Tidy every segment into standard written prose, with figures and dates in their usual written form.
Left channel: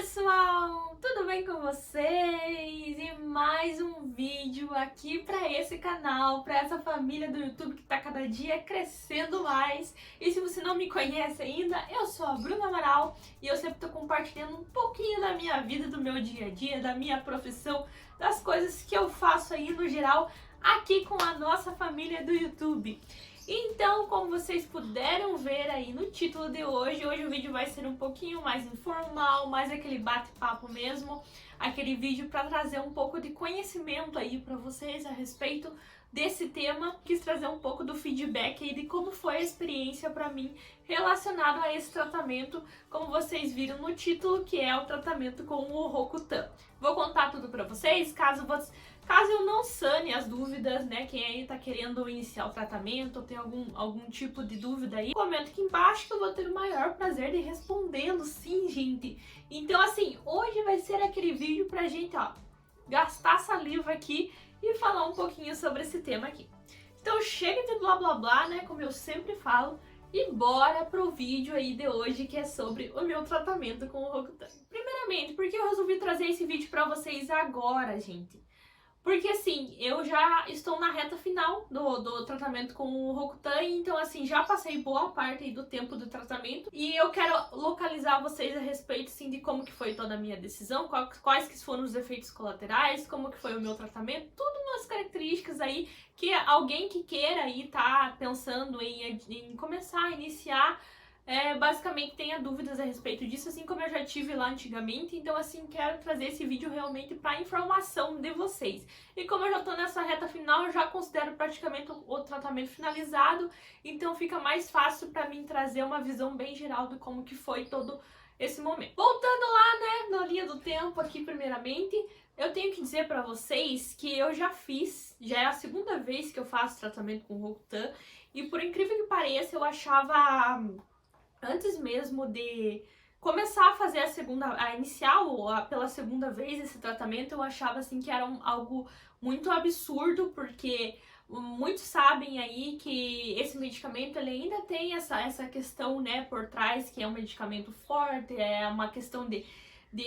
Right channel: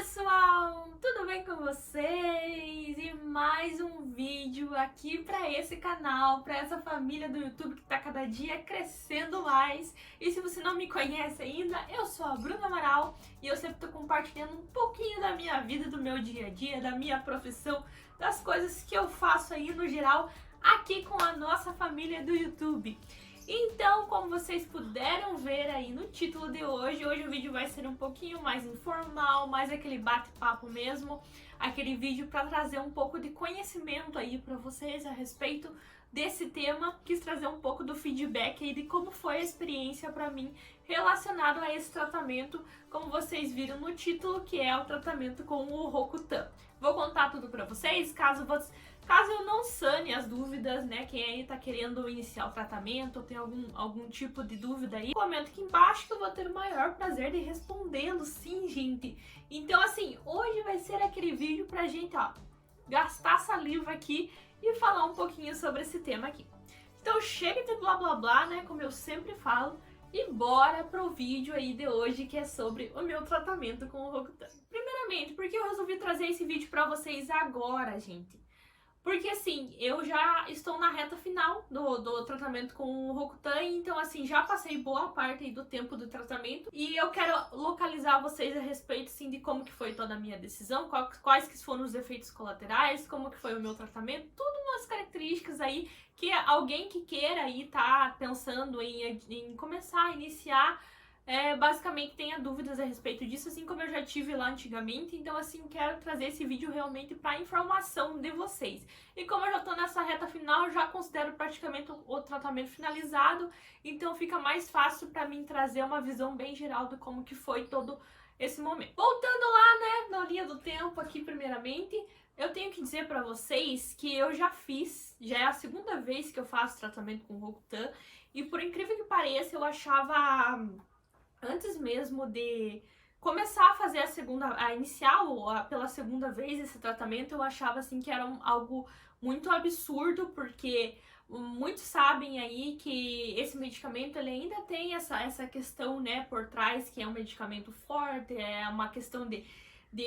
pessoal, tudo bem com vocês? E mais um vídeo aqui para esse canal, para essa família do YouTube que tá cada dia crescendo mais. E se você não me conhece ainda, eu sou a Bruna Amaral e eu sempre tô compartilhando um pouquinho da minha vida, do meu dia a dia, da minha profissão, das coisas que eu faço aí no geral aqui com a nossa família do YouTube. Então, como vocês puderam ver aí no título de hoje o vídeo vai ser um pouquinho mais informal, mais aquele bate-papo mesmo, aquele vídeo para trazer um pouco de conhecimento aí para vocês a respeito desse tema. Quis trazer um pouco do feedback aí de como foi a experiência para mim relacionado a esse tratamento, como vocês viram no título, que é o tratamento com o Rocutan. Vou contar tudo para vocês, caso eu não sane as dúvidas, né? Quem aí tá querendo iniciar o tratamento ou tem algum tipo de dúvida aí, comenta aqui embaixo que eu vou ter o maior prazer de respondê-lo, sim, gente. Então, assim, hoje vai ser aquele vídeo pra gente, ó, gastar saliva aqui e falar um pouquinho sobre esse tema aqui. Então, chega de blá blá blá, né? Como eu sempre falo, e bora pro vídeo aí de hoje, que é sobre o meu tratamento com o Rocutan. Primeiramente, por que eu resolvi trazer esse vídeo pra vocês agora, gente? Porque, assim, eu já estou na reta final do tratamento com o Rocutan, então, assim, já passei boa parte aí do tempo do tratamento e eu quero localizar vocês a respeito, assim, de como que foi toda a minha decisão, quais que foram os efeitos colaterais, como que foi o meu tratamento, tudo umas características aí que alguém que queira aí tá pensando em começar a iniciar, basicamente tenha dúvidas a respeito disso, assim como eu já tive lá antigamente. Então, assim, quero trazer esse vídeo realmente para informação de vocês. E como eu já tô nessa reta final, eu já considero praticamente o tratamento finalizado, então fica mais fácil para mim trazer uma visão bem geral de como que foi todo esse momento. Voltando lá, né, na linha do tempo aqui, primeiramente, eu tenho que dizer para vocês que eu já é a segunda vez que eu faço tratamento com Rocutan, e por incrível que pareça, eu achava, antes mesmo de começar a fazer pela segunda vez esse tratamento, eu achava assim que era algo muito absurdo, porque muitos sabem aí que esse medicamento ele ainda tem essa questão, né, por trás, que é um medicamento forte, é uma questão de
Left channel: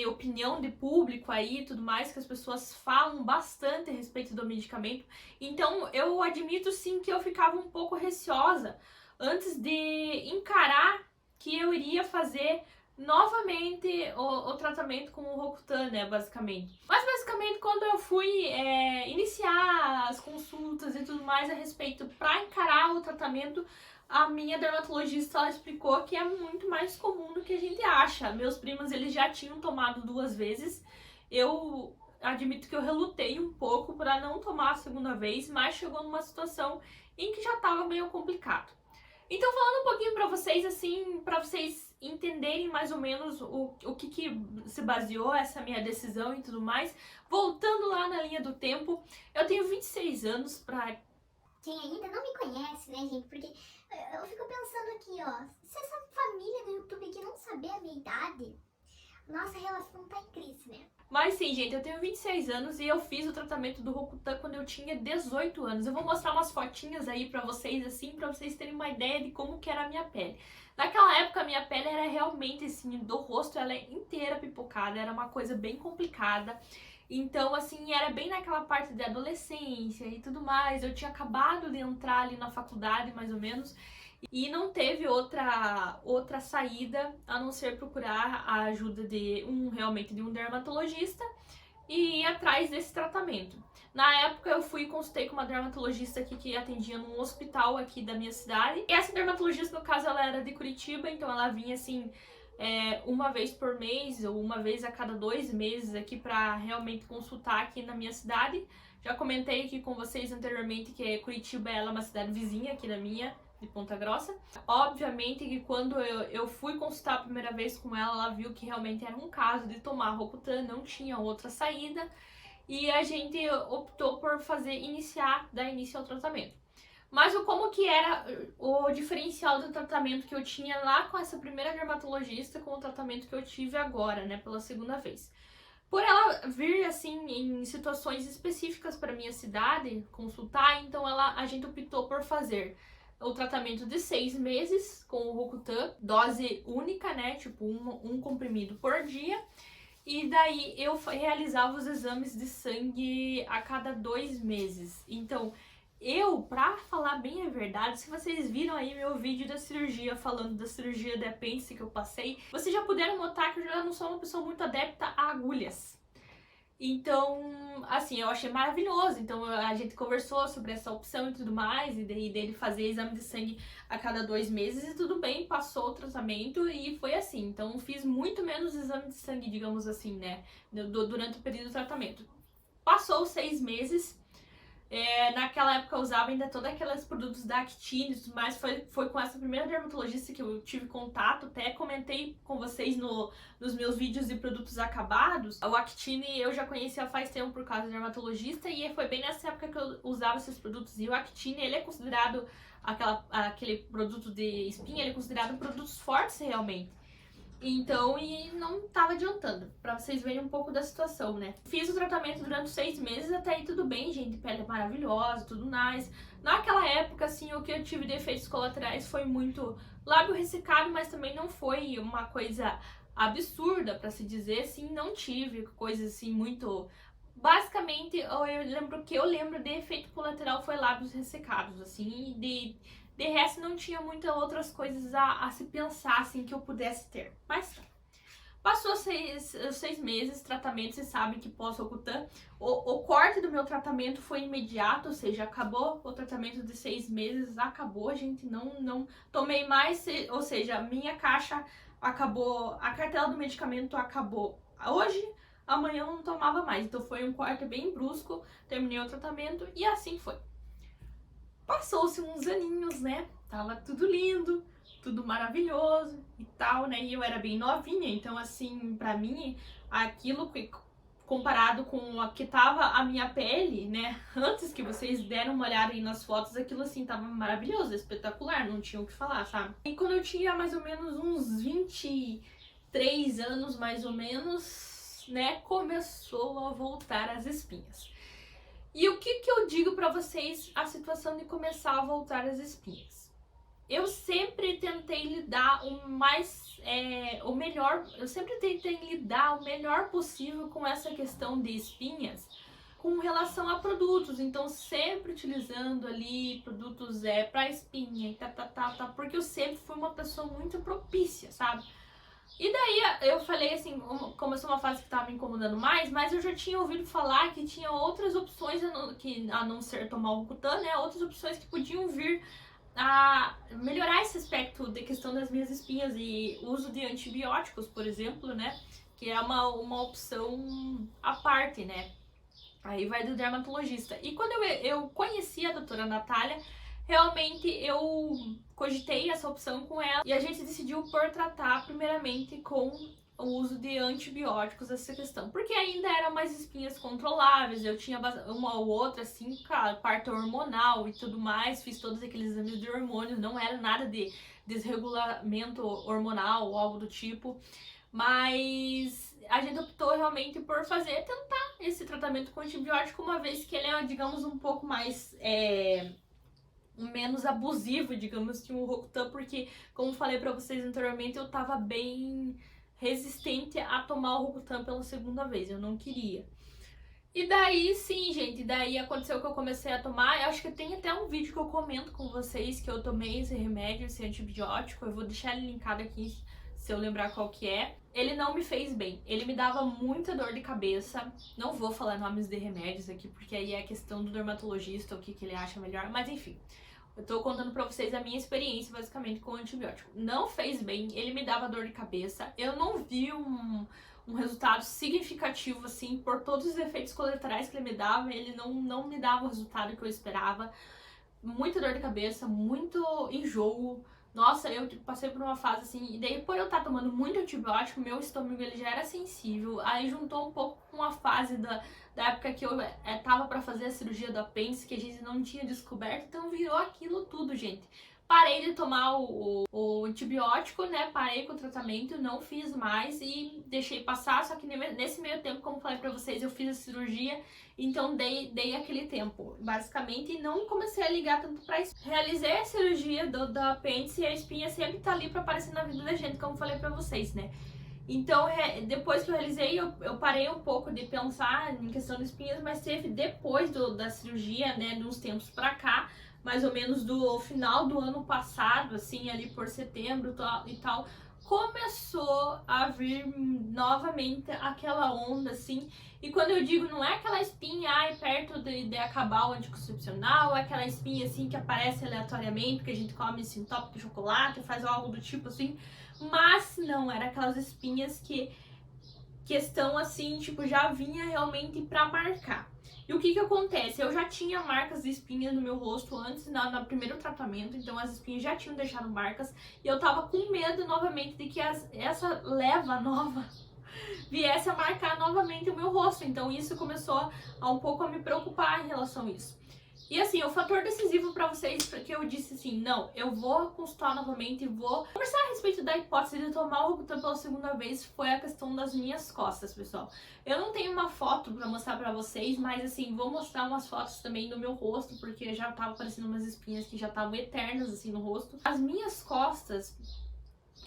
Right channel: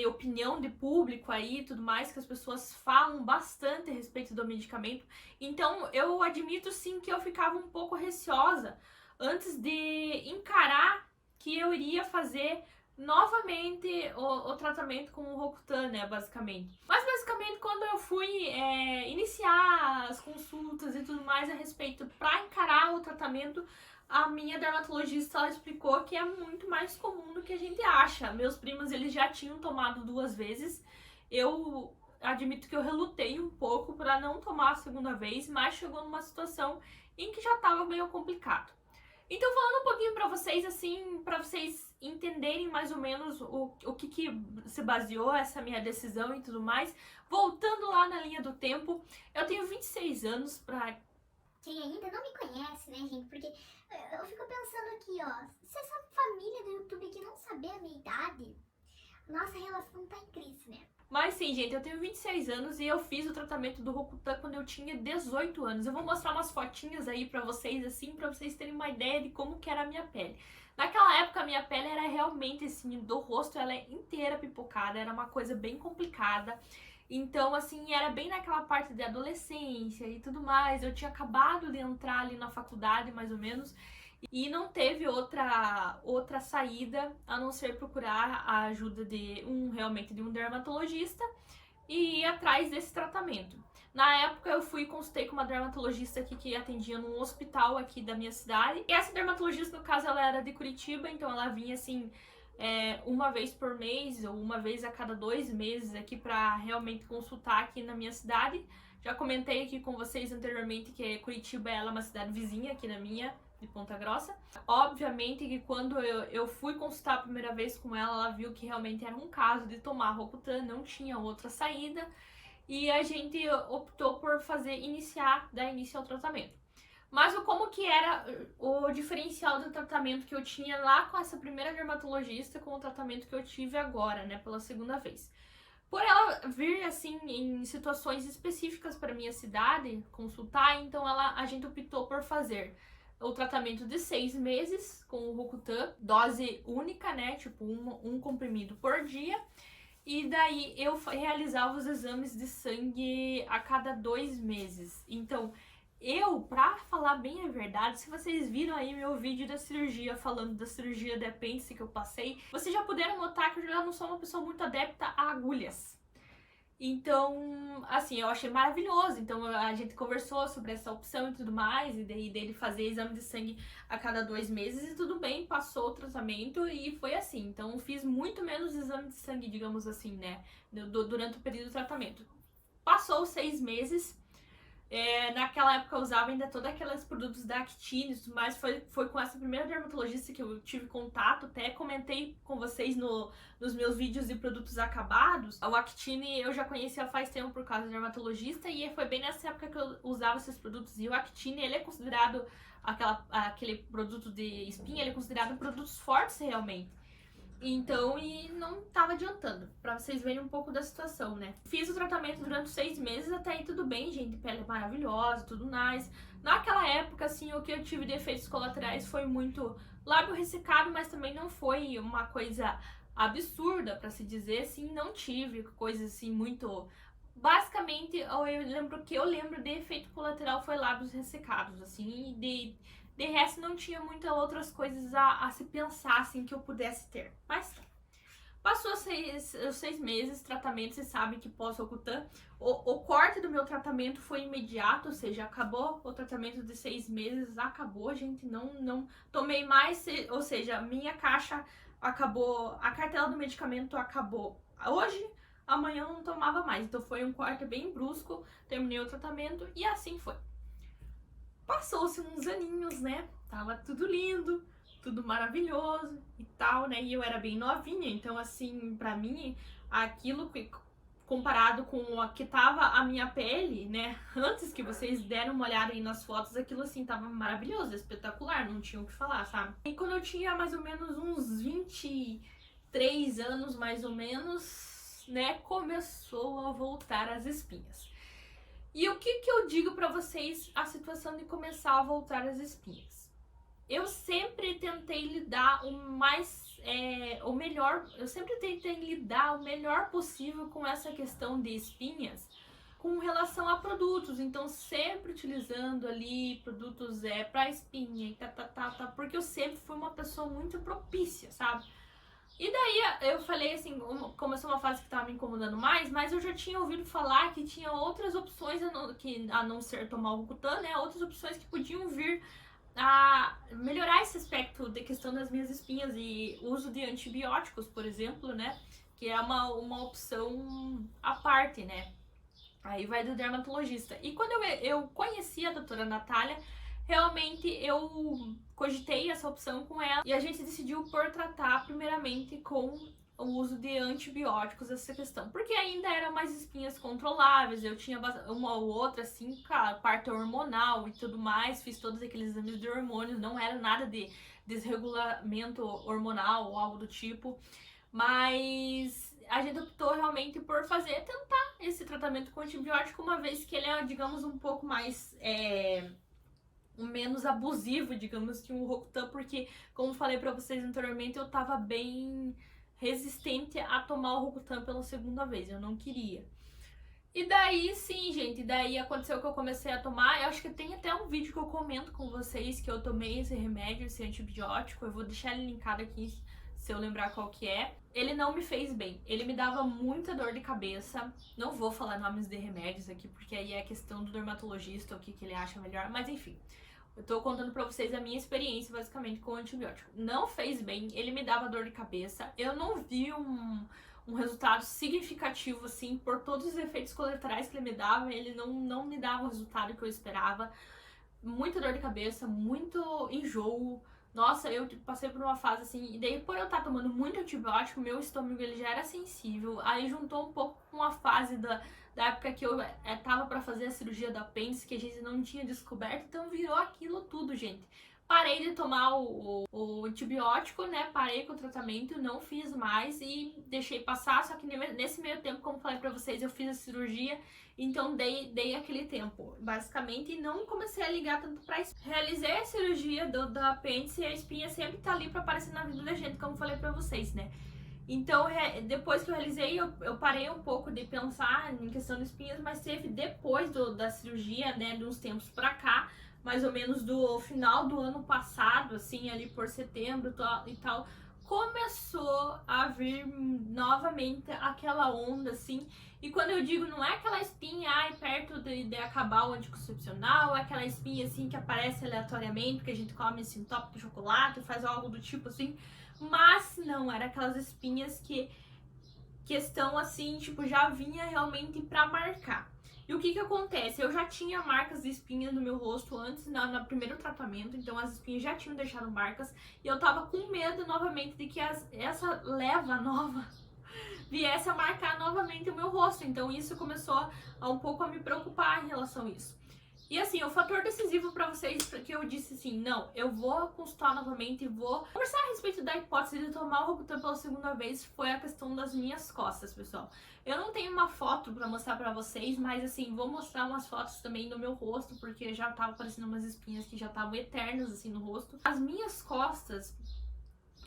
opinião de público aí e tudo mais, que as pessoas falam bastante a respeito do medicamento. Então eu admito sim que eu ficava um pouco receosa antes de encarar que eu iria fazer novamente o tratamento com o Rocutan, né, basicamente. Mas basicamente quando eu fui iniciar as consultas e tudo mais a respeito para encarar o tratamento, a minha dermatologista ela explicou que é muito mais comum do que a gente acha. Meus primos eles já tinham tomado 2 vezes. Eu admito que eu relutei um pouco para não tomar a segunda vez, mas chegou numa situação em que já estava meio complicado. Então, falando um pouquinho pra vocês, assim, pra vocês entenderem mais ou menos o que se baseou essa minha decisão e tudo mais, voltando lá na linha do tempo, eu tenho 26 anos pra... Quem ainda não me conhece, né, gente, porque eu fico pensando aqui, ó, se essa família do YouTube aqui não saber a minha idade, nossa relação tá em crise, né? Mas sim, gente, eu tenho 26 anos e eu fiz o tratamento do Rocutan quando eu tinha 18 anos. Eu vou mostrar umas fotinhas aí pra vocês, assim, pra vocês terem uma ideia de como que era a minha pele. Naquela época, a minha pele era realmente, assim, do rosto, ela é inteira pipocada, era uma coisa bem complicada. Então, assim, era bem naquela parte de adolescência e tudo mais. Eu tinha acabado de entrar ali na faculdade, mais ou menos, e não teve outra saída a não ser procurar a ajuda realmente de um dermatologista e ir atrás desse tratamento. Na época eu consultei com uma dermatologista aqui que atendia num hospital aqui da minha cidade. E essa dermatologista, no caso, ela era de Curitiba, então ela vinha assim uma vez por mês ou uma vez a cada 2 meses aqui para realmente consultar aqui na minha cidade. Já comentei aqui com vocês anteriormente que Curitiba ela é uma cidade vizinha aqui da minha, de Ponta Grossa. Obviamente que quando eu fui consultar a primeira vez com ela, ela viu que realmente era um caso de tomar Rocutan, não tinha outra saída, e a gente optou por dar início ao tratamento. Mas como que era o diferencial do tratamento que eu tinha lá com essa primeira dermatologista com o tratamento que eu tive agora, né, pela segunda vez? Por ela vir, assim, em situações específicas para minha cidade, consultar, então a gente optou por fazer o tratamento de 6 meses com o Rocutan, dose única, né? Tipo, um comprimido por dia. E daí eu realizava os exames de sangue a cada 2 meses. Então, pra falar bem a verdade, se vocês viram aí meu vídeo da cirurgia, falando da cirurgia de apêndice que eu passei, vocês já puderam notar que eu já não sou uma pessoa muito adepta a agulhas. Então, assim, eu achei maravilhoso. Então, a gente conversou sobre essa opção e tudo mais, e daí dele fazer exame de sangue a cada 2 meses, e tudo bem, passou o tratamento e foi assim. Então, fiz muito menos exame de sangue, digamos assim, né, durante o período do tratamento. Passou os 6 meses. Naquela época eu usava ainda todos aqueles produtos da Actine e tudo mais. Foi com essa primeira dermatologista que eu tive contato. Até comentei com vocês nos meus vídeos de produtos acabados. O Actine eu já conhecia faz tempo por causa da dermatologista, e foi bem nessa época que eu usava esses produtos. E o Actine, ele é considerado aquele produto de espinha, ele é considerado produtos fortes realmente. Então, e não tava adiantando, pra vocês verem um pouco da situação, né? Fiz o tratamento durante 6 meses, até aí tudo bem, gente, pele maravilhosa, tudo nice. Naquela época, assim, o que eu tive de efeitos colaterais foi muito lábio ressecado, mas também não foi uma coisa absurda, pra se dizer, assim, não tive coisas assim muito... Basicamente, eu lembro de efeito colateral foi lábios ressecados, assim, e de resto, não tinha muitas outras coisas a se pensar, assim, que eu pudesse ter. Mas tá. Passou 6 meses, tratamento, vocês sabem que pós-Roacutan, o corte do meu tratamento foi imediato, ou seja, acabou o tratamento de 6 meses, acabou, gente, não tomei mais, ou seja, minha caixa acabou, a cartela do medicamento acabou hoje, amanhã eu não tomava mais, então foi um corte bem brusco, terminei o tratamento e assim foi. Passou-se uns aninhos, né? Tava tudo lindo, tudo maravilhoso e tal, né? E eu era bem novinha, então assim, pra mim, aquilo comparado com a que tava a minha pele, né? Antes que vocês deram uma olhada aí nas fotos, aquilo assim tava maravilhoso, espetacular, não tinha o que falar, sabe? E quando eu tinha mais ou menos uns 23 anos, mais ou menos, né? Começou a voltar as espinhas. E o que eu digo pra vocês a situação de começar a voltar as espinhas? Eu sempre tentei lidar o melhor, eu sempre tentei lidar o melhor possível com essa questão de espinhas com relação a produtos, então sempre utilizando ali produtos pra espinha e porque eu sempre fui uma pessoa muito propícia, sabe? E daí eu falei assim, começou uma fase que tava me incomodando mais, mas eu já tinha ouvido falar que tinha outras opções a não ser tomar o Roacutan, né? Outras opções que podiam vir a melhorar esse aspecto da questão das minhas espinhas, e uso de antibióticos, por exemplo, né? Que é uma opção à parte, né? Aí vai do dermatologista. E quando eu conheci a doutora Natália, realmente eu cogitei essa opção com ela e a gente decidiu por tratar primeiramente com o uso de antibióticos essa questão, porque ainda eram mais espinhas controláveis, eu tinha uma ou outra assim, cara, parto hormonal e tudo mais, fiz todos aqueles exames de hormônios, não era nada de desregulamento hormonal ou algo do tipo, mas a gente optou realmente por tentar esse tratamento com antibiótico, uma vez que ele é, digamos, um pouco mais menos abusivo, digamos, que o Roacutan, porque, como falei pra vocês anteriormente, eu tava bem resistente a tomar o Roacutan pela segunda vez, eu não queria. E daí, sim, gente, daí aconteceu que eu comecei a tomar, eu acho que tem até um vídeo que eu comento com vocês que eu tomei esse remédio, esse antibiótico, eu vou deixar ele linkado aqui se eu lembrar qual que é. Ele não me fez bem, ele me dava muita dor de cabeça, não vou falar nomes de remédios aqui, porque aí é a questão do dermatologista, o que ele acha melhor, mas enfim. Eu tô contando pra vocês a minha experiência, basicamente, com o antibiótico. Não fez bem, ele me dava dor de cabeça, eu não vi um resultado significativo, assim, por todos os efeitos colaterais que ele me dava, ele não me dava o resultado que eu esperava. Muita dor de cabeça, muito enjoo. Nossa, eu passei por uma fase assim, e daí por eu estar tomando muito antibiótico, meu estômago ele já era sensível, aí juntou um pouco com a fase da época que eu tava pra fazer a cirurgia do apêndice, que a gente não tinha descoberto, então virou aquilo tudo, gente. Parei de tomar o antibiótico, né, parei com o tratamento, não fiz mais e deixei passar, só que nesse meio tempo, como falei pra vocês, eu fiz a cirurgia, então dei aquele tempo, basicamente, e não comecei a ligar tanto pra espinha. Realizei a cirurgia do apêndice e a espinha sempre tá ali pra aparecer na vida da gente, como falei pra vocês, né. Então, depois que eu realizei, eu parei um pouco de pensar em questão de espinhas, mas teve depois da cirurgia, né, de uns tempos pra cá, mais ou menos do final do ano passado, assim, ali por setembro e tal, começou a vir novamente aquela onda, assim. E quando eu digo, não é aquela espinha, ai, perto de acabar o anticoncepcional, é aquela espinha, assim, que aparece aleatoriamente, porque a gente come, assim, top de chocolate, faz algo do tipo, assim. Mas não, era aquelas espinhas que estão assim, tipo, já vinha realmente pra marcar. E o que que acontece? Eu já tinha marcas de espinhas no meu rosto antes, no primeiro tratamento, então as espinhas já tinham deixado marcas, e eu tava com medo novamente de que essa leva nova viesse a marcar novamente o meu rosto. Então isso começou a um pouco a me preocupar em relação a isso. E assim, o fator decisivo pra vocês, porque eu disse assim, não, eu vou consultar novamente e vou conversar a respeito da hipótese de tomar o Rocutan pela segunda vez, foi a questão das minhas costas, pessoal. Eu não tenho uma foto pra mostrar pra vocês, mas assim, vou mostrar umas fotos também do meu rosto, porque já tava aparecendo umas espinhas que já estavam eternas assim no rosto. As minhas costas,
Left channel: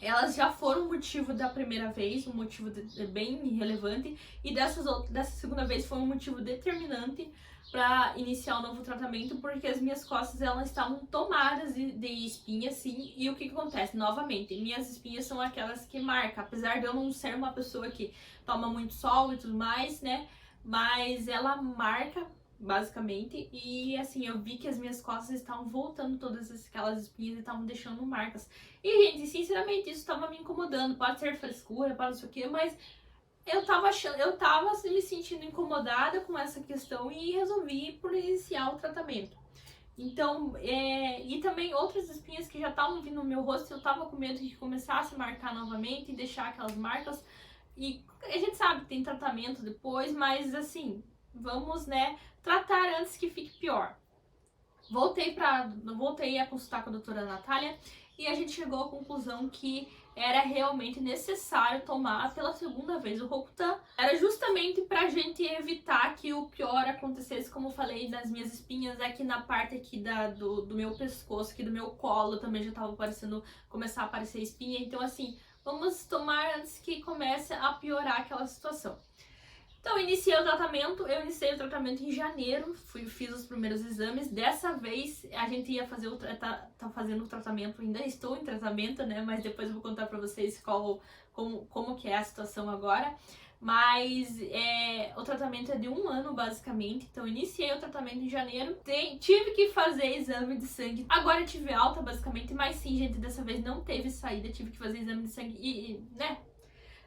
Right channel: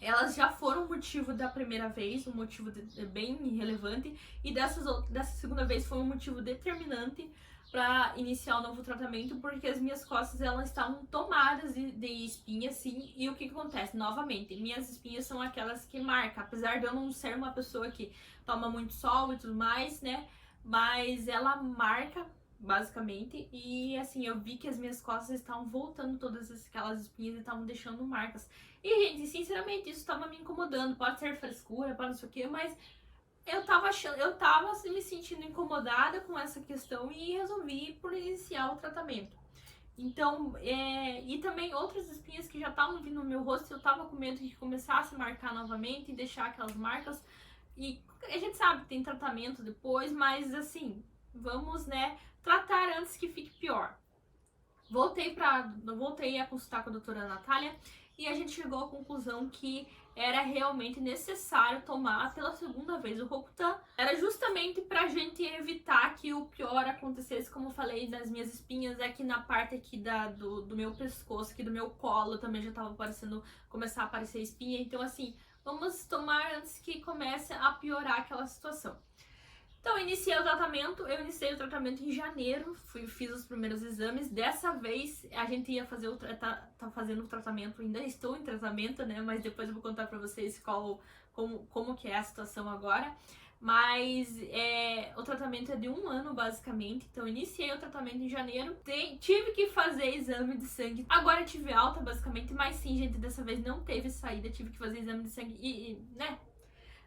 elas já foram motivo da primeira vez, um motivo bem relevante, e dessa segunda vez foi um motivo determinante para iniciar o novo tratamento, porque as minhas costas elas estavam tomadas de espinha, assim, e o que acontece? Novamente, minhas espinhas são aquelas que marcam, apesar de eu não ser uma pessoa que toma muito sol e tudo mais, né, mas ela marca basicamente, e assim, eu vi que as minhas costas estavam voltando todas aquelas espinhas e estavam deixando marcas. E, gente, sinceramente, isso tava me incomodando. Pode ser frescura, pode não sei o que, mas eu tava assim, me sentindo incomodada com essa questão e resolvi por iniciar o tratamento. Então, e também outras espinhas que já estavam vindo no meu rosto, eu tava com medo de que começasse a marcar novamente e deixar aquelas marcas. E a gente sabe que tem tratamento depois, mas assim, vamos, né, tratar antes que fique pior. Voltei a consultar com a doutora Natália e a gente chegou à conclusão que era realmente necessário tomar pela segunda vez o Rocutan. Era justamente pra gente evitar que o pior acontecesse, como eu falei, das minhas espinhas, aqui na parte aqui do meu pescoço, aqui do meu colo também já tava começar a aparecer espinha. Então assim, vamos tomar antes que comece a piorar aquela situação. Então, eu iniciei o tratamento em janeiro, fiz os primeiros exames. Dessa vez, a gente ia fazer tá fazendo o tratamento, ainda estou em tratamento, né? Mas depois eu vou contar pra vocês como que é a situação agora. Mas o tratamento é de 1 ano, basicamente. Então, eu iniciei o tratamento em janeiro. Tive que fazer exame de sangue. Agora eu tive alta, basicamente. Mas sim, gente, dessa vez não teve saída. Tive que fazer exame de sangue e né?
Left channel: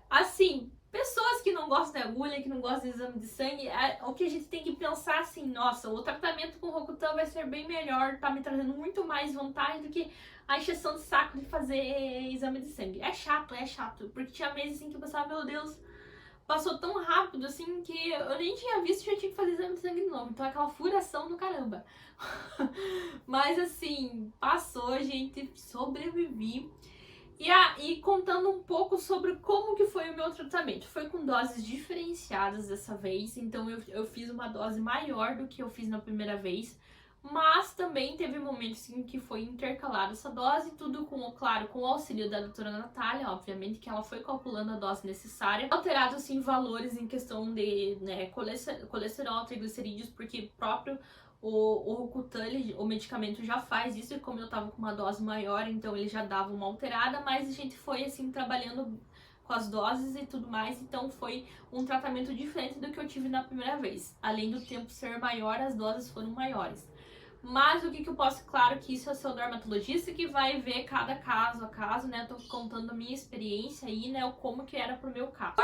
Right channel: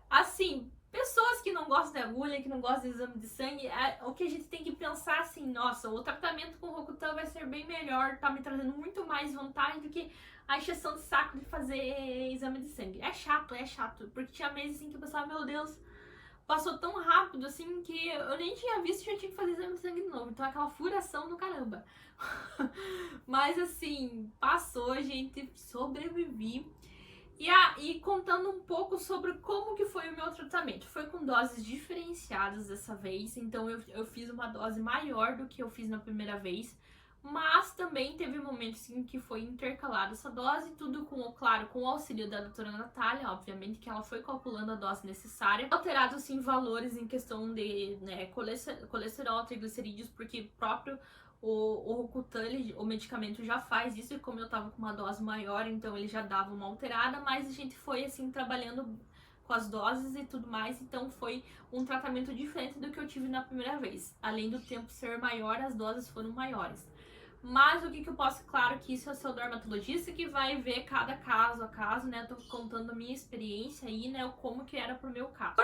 Assim, pessoas que não gostam de agulha, que não gostam de exame de sangue, o que a gente tem que pensar assim, nossa, o tratamento com o Rocutan vai ser bem melhor, tá me trazendo muito mais vantagem do que a encheção de saco de fazer exame de sangue. É chato, porque tinha meses assim que eu pensava, meu Deus, passou tão rápido assim que eu nem tinha visto e já tinha que fazer exame de sangue de novo. Então é aquela furação do caramba. Mas assim, passou, gente, sobrevivi. E contando um pouco sobre como que foi o meu tratamento. Foi com doses diferenciadas dessa vez, então eu fiz uma dose maior do que eu fiz na primeira vez, mas também teve momentos em que foi intercalada essa dose, tudo claro, com o auxílio da doutora Natália, obviamente, que ela foi calculando a dose necessária. Alterados, sim, valores em questão de, né, colesterol, triglicerídeos, porque próprio o Rocutan, o medicamento já faz isso, e como eu tava com uma dose maior, então ele já dava uma alterada, mas a gente foi assim trabalhando com as doses e tudo mais, então foi um tratamento diferente do que eu tive na primeira vez. Além do tempo ser maior, as doses foram maiores. Mas o que eu posso, claro que isso é o seu dermatologista que vai ver cada caso a caso, né? Tô contando a minha experiência aí, né? Como que era pro meu caso.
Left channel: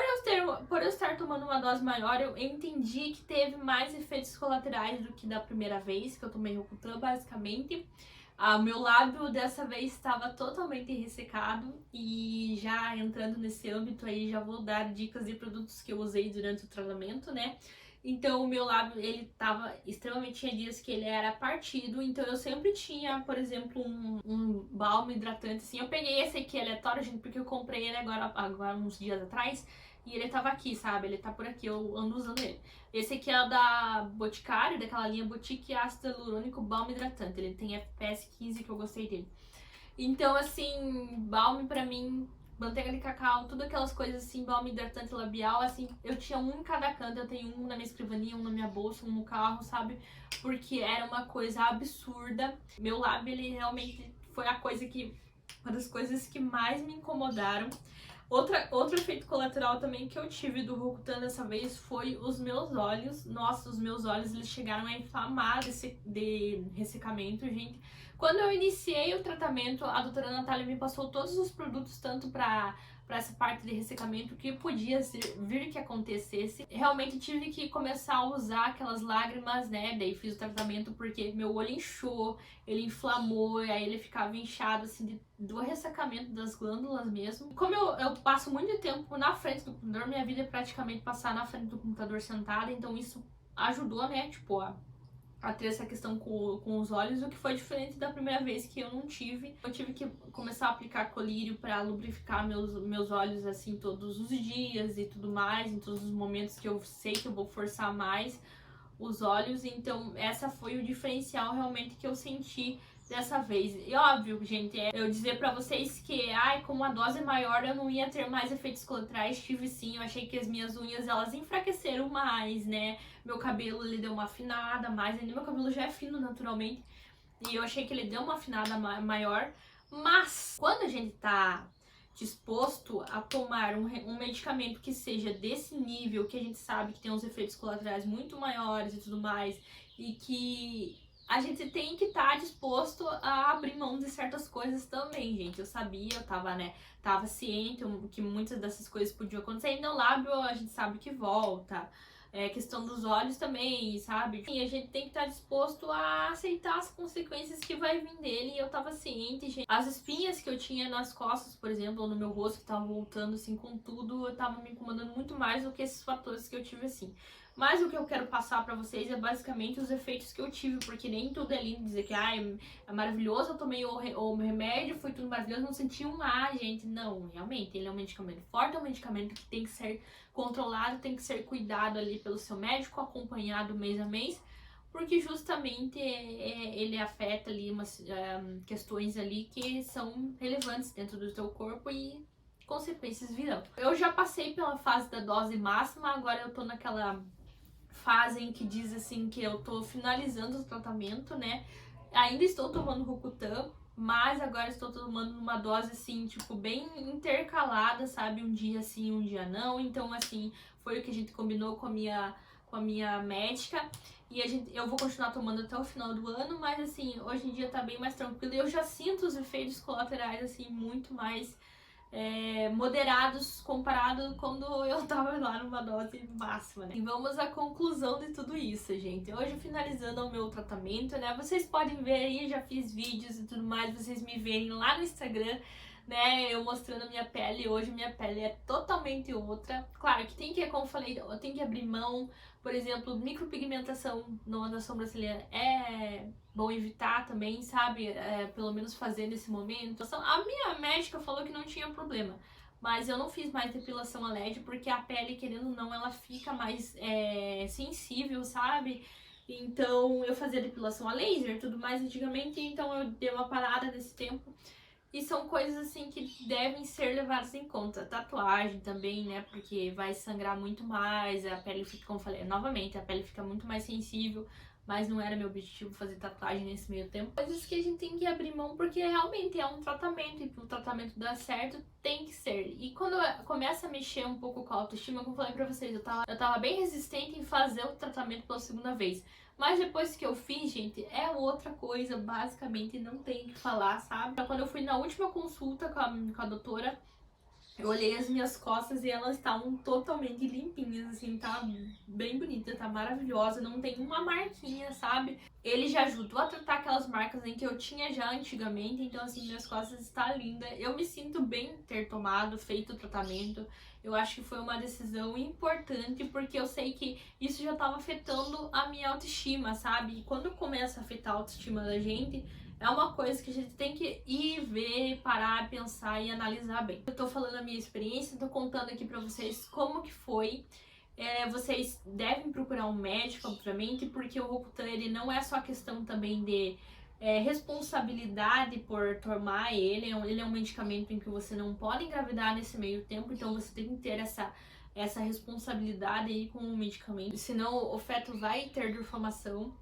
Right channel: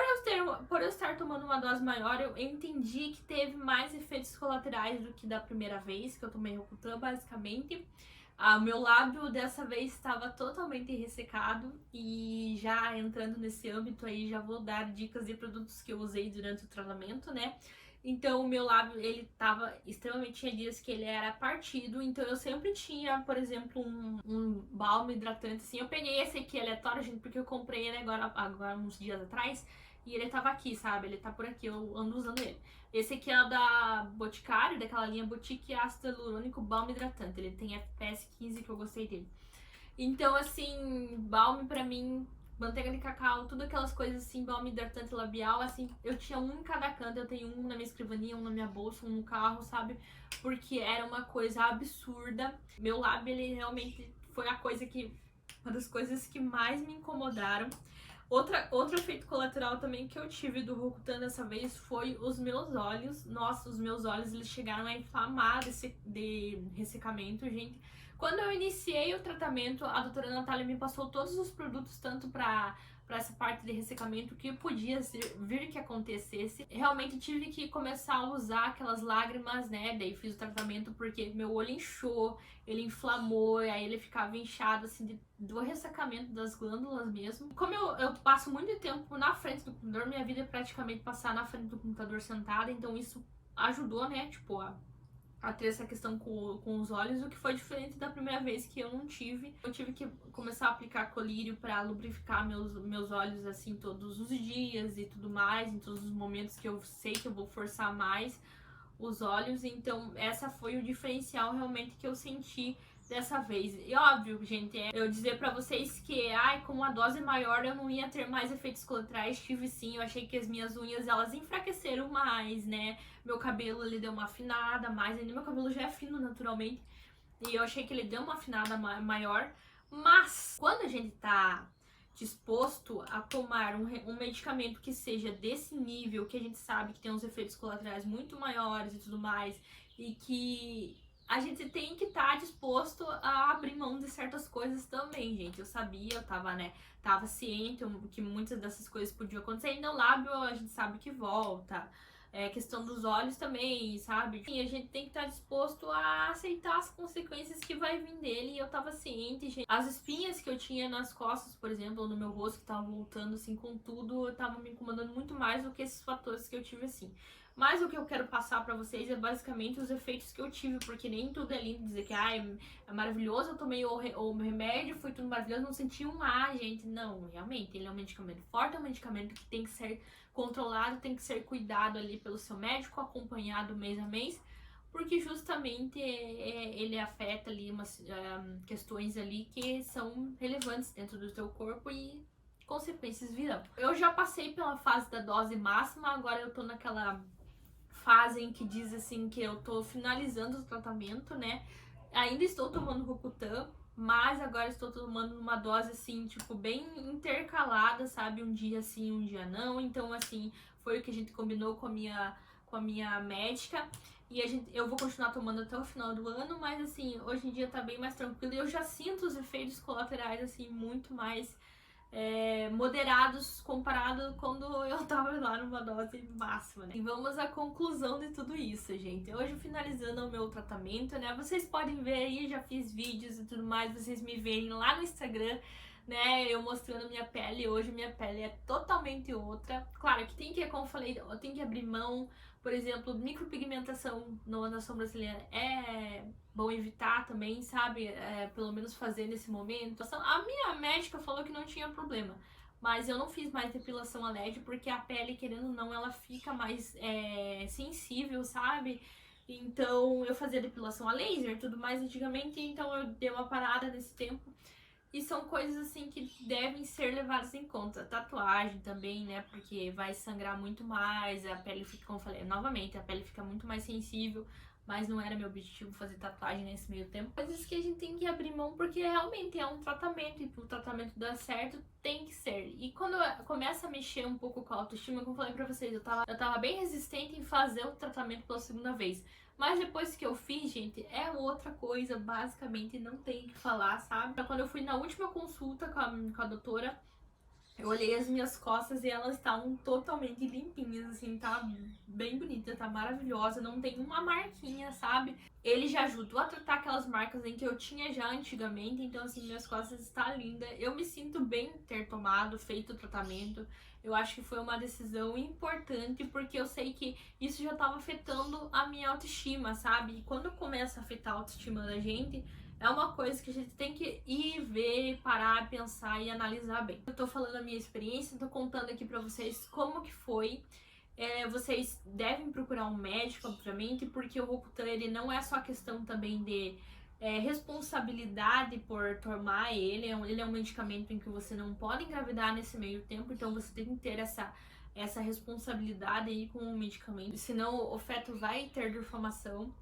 Por eu estar tomando uma dose maior, eu entendi que teve mais efeitos colaterais do que da primeira vez que eu tomei Rocutan, basicamente. O meu lábio dessa vez estava totalmente ressecado, e já entrando nesse âmbito aí, já vou dar dicas de produtos que eu usei durante o tratamento, né? Então o meu lábio, ele tava extremamente, tinha dias que ele era partido, então eu sempre tinha, por exemplo, um balme hidratante, assim. Eu peguei esse aqui aleatório, gente, porque eu comprei ele agora uns dias atrás, e ele tava aqui, sabe? Ele tá por aqui, eu ando usando ele. Esse aqui é da Boticário, daquela linha Boutique Ácido Hialurônico Balme Hidratante. Ele tem FPS 15, que eu gostei dele. Então, assim, balme pra mim manteiga de cacau, tudo aquelas coisas assim, balme hidratante labial, assim, eu tinha um em cada canto, eu tenho um na minha escrivaninha, um na minha bolsa, um no carro, sabe? Porque era uma coisa absurda. Meu lábio, ele realmente foi uma das coisas que mais me incomodaram. Outro efeito colateral também que eu tive do Rokutan dessa vez foi os meus olhos. Nossa, os meus olhos, eles chegaram a inflamar de ressecamento, gente. Quando eu iniciei o tratamento, a doutora Natália me passou todos os produtos, tanto para essa parte de ressecamento, que podia vir que acontecesse. Realmente tive que começar a usar aquelas lágrimas, né? Daí fiz o tratamento porque meu olho inchou, ele inflamou, e aí ele ficava inchado, assim, do ressecamento das glândulas mesmo. Como eu passo muito tempo na frente do computador, minha vida é praticamente passar na frente do computador sentada, então isso ajudou, né? Tipo, a ter essa questão com os olhos, o que foi diferente da primeira vez que eu não tive. Eu tive que começar a aplicar colírio para lubrificar meus olhos assim todos os dias e tudo mais, em todos os momentos que eu sei que eu vou forçar mais os olhos. Então essa foi o diferencial realmente que eu senti dessa vez. E óbvio, gente, eu dizer pra vocês que, como a dose é maior eu não ia ter mais efeitos colaterais. Tive sim, eu achei que as minhas unhas, elas enfraqueceram mais, né? Meu cabelo, ele deu uma afinada mais, ainda meu cabelo já é fino naturalmente, e eu achei que ele deu uma afinada maior. Mas quando a gente tá disposto a tomar um medicamento que seja desse nível, que a gente sabe que tem uns efeitos colaterais muito maiores e tudo mais, e que a gente tem que estar disposto a abrir mão de certas coisas também, gente. Eu sabia, eu tava ciente que muitas dessas coisas podiam acontecer. E no lábio a gente sabe que volta. Questão dos olhos também, sabe? E a gente tem que estar disposto a aceitar as consequências que vai vir dele. E eu tava ciente, gente. As espinhas que eu tinha nas costas, por exemplo, ou no meu rosto, que tava voltando, assim, com tudo, eu tava me incomodando muito mais do que esses fatores que eu tive, assim. Mas o que eu quero passar pra vocês é basicamente os efeitos que eu tive, porque nem tudo é lindo dizer que é maravilhoso, eu tomei o remédio, foi tudo maravilhoso, não senti um gente. Não, realmente, ele é um medicamento forte, é um medicamento que tem que ser controlado, tem que ser cuidado ali pelo seu médico, acompanhado mês a mês, porque justamente ele afeta ali umas questões ali que são relevantes dentro do teu corpo e consequências virão. Eu já passei pela fase da dose máxima, agora eu tô naquela fase em que diz assim que eu tô finalizando o tratamento, né? Ainda estou tomando Rokutan, mas agora estou tomando uma dose assim, tipo, bem intercalada, sabe? Um dia sim, um dia não. Então, assim, foi o que a gente combinou com a minha médica. E eu vou continuar tomando até o final do ano, mas assim, hoje em dia tá bem mais tranquilo. E eu já sinto os efeitos colaterais, assim, muito mais moderados comparado quando eu tava lá numa dose máxima, né? E vamos à conclusão de tudo isso, gente. Hoje, finalizando o meu tratamento, né? Vocês podem ver aí, já fiz vídeos e tudo mais, vocês me verem lá no Instagram, né? Eu mostrando a minha pele. Hoje minha pele é totalmente outra. Claro que tem que, como eu falei, tem que abrir mão. Por exemplo, micropigmentação na sobrancelha é bom evitar também, sabe? Pelo menos fazer nesse momento. A minha médica falou que não tinha problema, mas eu não fiz mais depilação a LED porque a pele, querendo ou não, ela fica mais sensível, sabe? Então eu fazia depilação a laser e tudo mais antigamente, então eu dei uma parada nesse tempo. E são coisas assim que devem ser levadas em conta. Tatuagem também, né? Porque vai sangrar muito mais, a pele fica, como eu falei, novamente, a pele fica muito mais sensível, mas não era meu objetivo fazer tatuagem nesse meio tempo. Coisas que a gente tem que abrir mão porque realmente é um tratamento e pro tratamento dar certo tem que ser. E quando começa a mexer um pouco com a autoestima, como eu falei pra vocês, eu tava bem resistente em fazer o tratamento pela segunda vez. Mas depois que eu fiz, gente, é outra coisa, basicamente, não tem o que falar, sabe? Quando eu fui na última consulta com a doutora, eu olhei as minhas costas e elas estavam totalmente limpinhas, assim, tá bem bonita, tá maravilhosa, não tem uma marquinha, sabe? Ele já ajudou a tratar aquelas marcas em que eu tinha já antigamente, então assim, minhas costas estão lindas. Eu me sinto bem ter feito o tratamento. Eu acho que foi uma decisão importante, porque eu sei que isso já estava afetando a minha autoestima, sabe? E quando começa a afetar a autoestima da gente, é uma coisa que a gente tem que ir ver, parar, pensar e analisar bem. Eu tô falando a minha experiência, tô contando aqui pra vocês como que foi. Vocês devem procurar um médico, obviamente, porque o Rokutan, ele não é só questão também de responsabilidade por tomar ele. Ele é um medicamento em que você não pode engravidar nesse meio tempo, então você tem que ter essa responsabilidade aí com o medicamento, senão o feto vai ter deformação.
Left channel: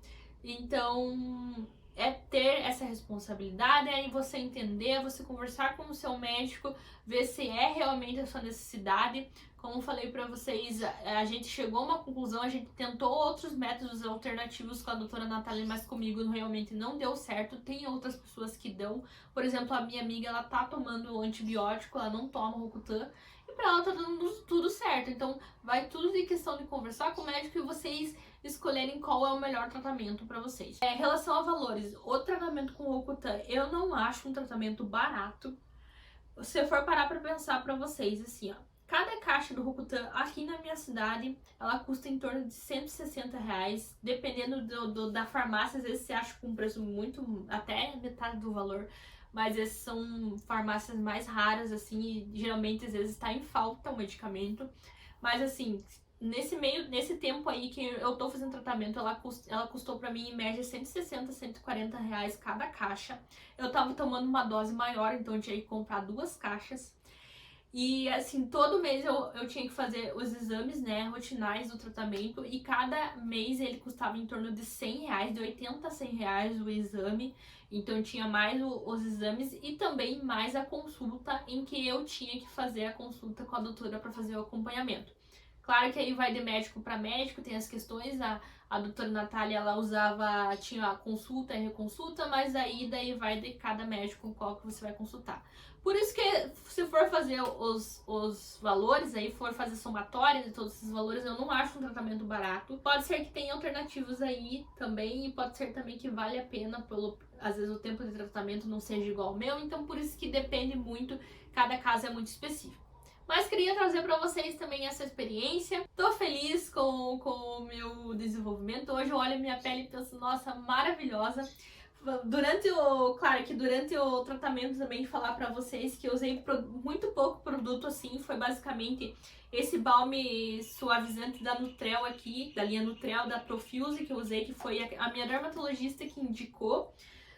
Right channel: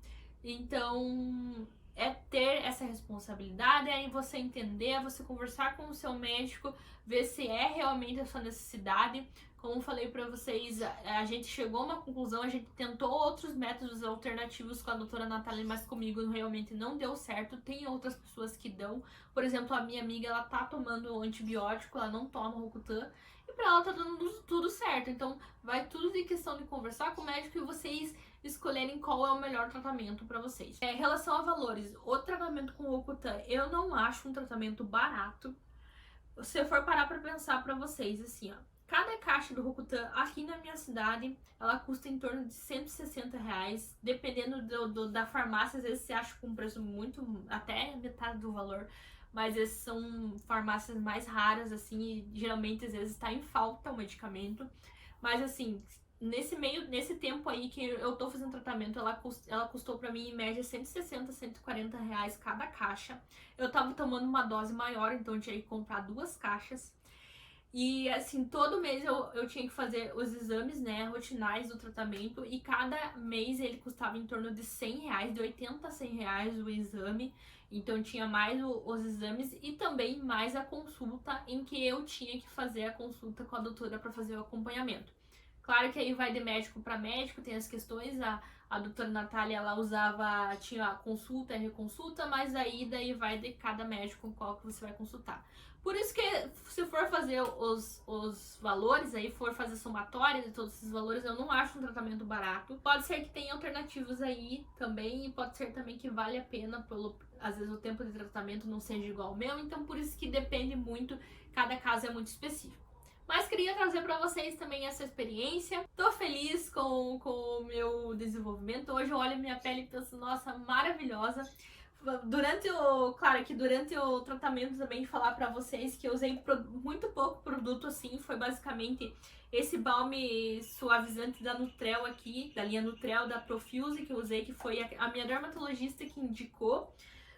Então, é ter essa responsabilidade, aí você entender, você conversar com o seu médico, ver se é realmente a sua necessidade. Como falei pra vocês, a gente chegou a uma conclusão, a gente tentou outros métodos alternativos com a doutora Natália, mas comigo realmente não deu certo. Tem outras pessoas que dão, por exemplo, a minha amiga, ela tá tomando antibiótico, ela não toma Rocutan, e pra ela tá dando tudo certo. Então, vai tudo de questão de conversar com o médico e vocês escolherem qual é o melhor tratamento para vocês. Em relação a valores, o tratamento com Rocutan, eu não acho um tratamento barato. Se for parar para pensar para vocês, assim, ó, cada caixa do Rocutan aqui na minha cidade, ela custa em torno de R$160, dependendo da farmácia, às vezes você acha com um preço muito, até metade do valor, mas essas são farmácias mais raras, assim, e geralmente às vezes está em falta o medicamento, mas assim, nesse tempo aí que eu tô fazendo tratamento, ela custou pra mim em média 160, R$140 cada caixa. Eu tava tomando uma dose maior, então eu tinha que comprar 2 caixas. E assim, todo mês eu tinha que fazer os exames, né, rotinais do tratamento, e cada mês ele custava em torno de R$100, de 80 a R$100 o exame. Então tinha mais os exames e também mais a consulta, em que eu tinha que fazer a consulta com a doutora para fazer o acompanhamento. Claro que aí vai de médico para médico, tem as questões, a doutora Natália, ela tinha a consulta e reconsulta, mas daí vai de cada médico qual que você vai consultar. Por isso que se for fazer os valores, aí for fazer somatória de todos esses valores, eu não acho um tratamento barato. Pode ser que tenha alternativas aí também, e pode ser também que vale a pena, às vezes o tempo de tratamento não seja igual ao meu, então por isso que depende muito, cada caso é muito específico. Mas queria trazer para vocês também essa experiência. Tô feliz com o meu desenvolvimento. Hoje eu olho a minha pele e penso, nossa, maravilhosa. Claro que durante o tratamento também falar para vocês que eu usei muito pouco produto, assim, foi basicamente esse balme suavizante da Nutrel aqui, da linha Nutrel, da Profuse, que eu usei, que foi a minha dermatologista que indicou.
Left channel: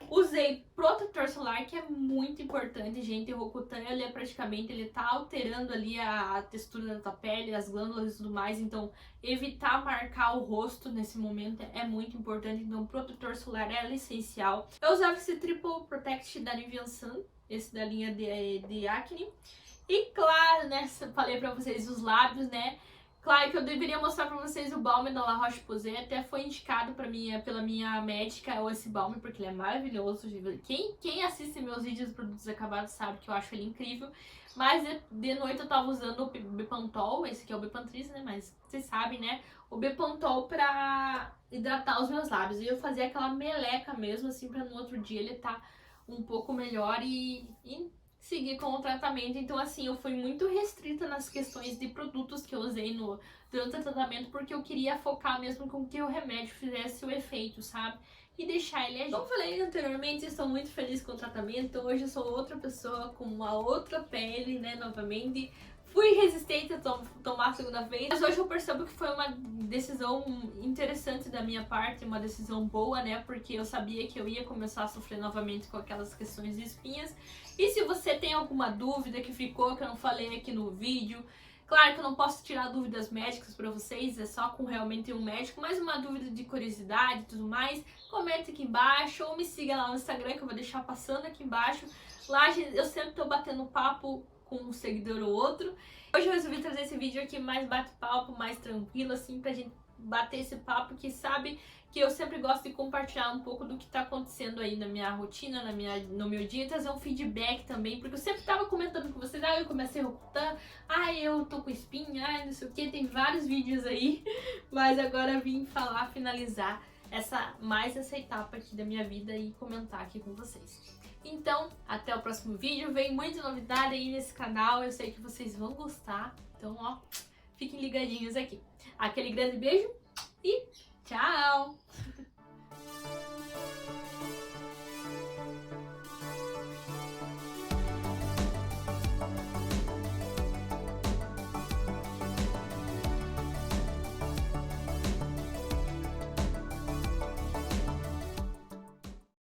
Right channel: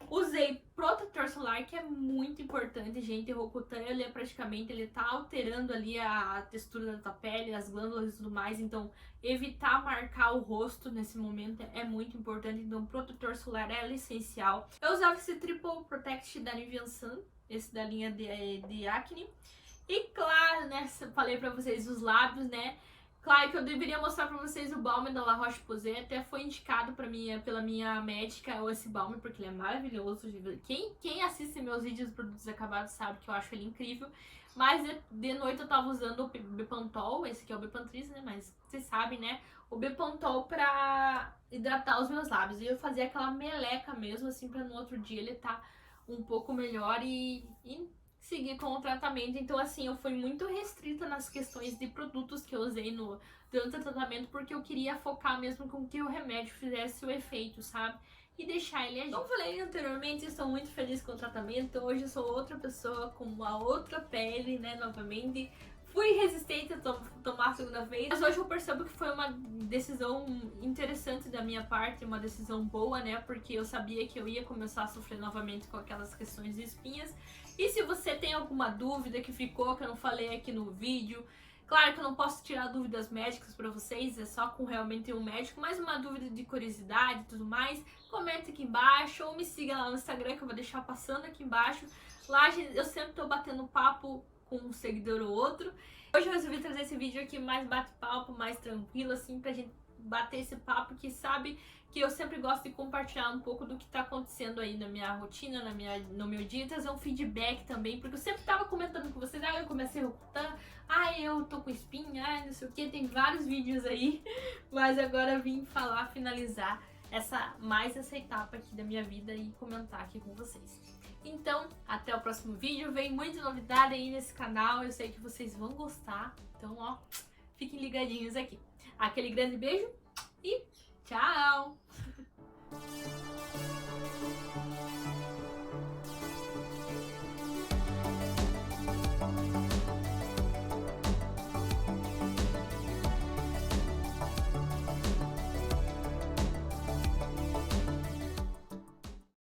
Usei protetor solar, que é muito importante, gente. O Rocutan, ele tá alterando ali a textura da tua pele, as glândulas e tudo mais. Então, evitar marcar o rosto nesse momento é muito importante. Então, protetor solar é essencial. Eu usava esse Triple Protect da Nivea Sun, esse da linha de acne. E claro, né, falei pra vocês os lábios, né? Claro que eu deveria mostrar pra vocês o balme da La Roche-Posay, até foi indicado pela minha médica esse balme, porque ele é maravilhoso. Quem assiste meus vídeos de produtos acabados sabe que eu acho ele incrível. Mas de noite eu tava usando o Bepantol, esse aqui é o Bepantris, né, mas vocês sabem, né, o Bepantol pra hidratar os meus lábios. E eu fazia aquela meleca mesmo, assim, pra no outro dia ele tá um pouco melhor e seguir com o tratamento. Então, assim, eu fui muito restrita nas questões de produtos que eu usei durante o tratamento, porque eu queria focar mesmo com que o remédio fizesse o efeito, sabe? E deixar ele agir. Como falei anteriormente, estou muito feliz com o tratamento. Hoje eu sou outra pessoa, com uma outra pele, né, novamente. Fui resistente a tomar a segunda vez, mas hoje eu percebo que foi uma decisão interessante da minha parte, uma decisão boa, né? Porque eu sabia que eu ia começar a sofrer novamente com aquelas questões de espinhas. E se você tem alguma dúvida que ficou, que eu não falei aqui no vídeo, claro que eu não posso tirar dúvidas médicas pra vocês, é só com realmente um médico, mas uma dúvida de curiosidade e tudo mais, comenta aqui embaixo ou me siga lá no Instagram, que eu vou deixar passando aqui embaixo. Lá eu sempre tô batendo papo com um seguidor ou outro. Hoje eu resolvi trazer esse vídeo aqui mais bate-papo, mais tranquilo, assim, pra gente bater esse papo, que sabe que eu sempre gosto de compartilhar um pouco do que tá acontecendo aí na minha rotina, no meu dia, trazer um feedback também, porque eu sempre tava comentando com vocês, eu comecei a Rocutan, eu tô com espinha, não sei o que, tem vários vídeos aí, mas agora eu vim finalizar mais essa etapa aqui da minha vida e comentar aqui com vocês. Então, até o próximo vídeo. Vem muita novidade aí nesse canal. Eu sei que vocês vão gostar. Então, ó, fiquem ligadinhos aqui. Aquele grande beijo e tchau!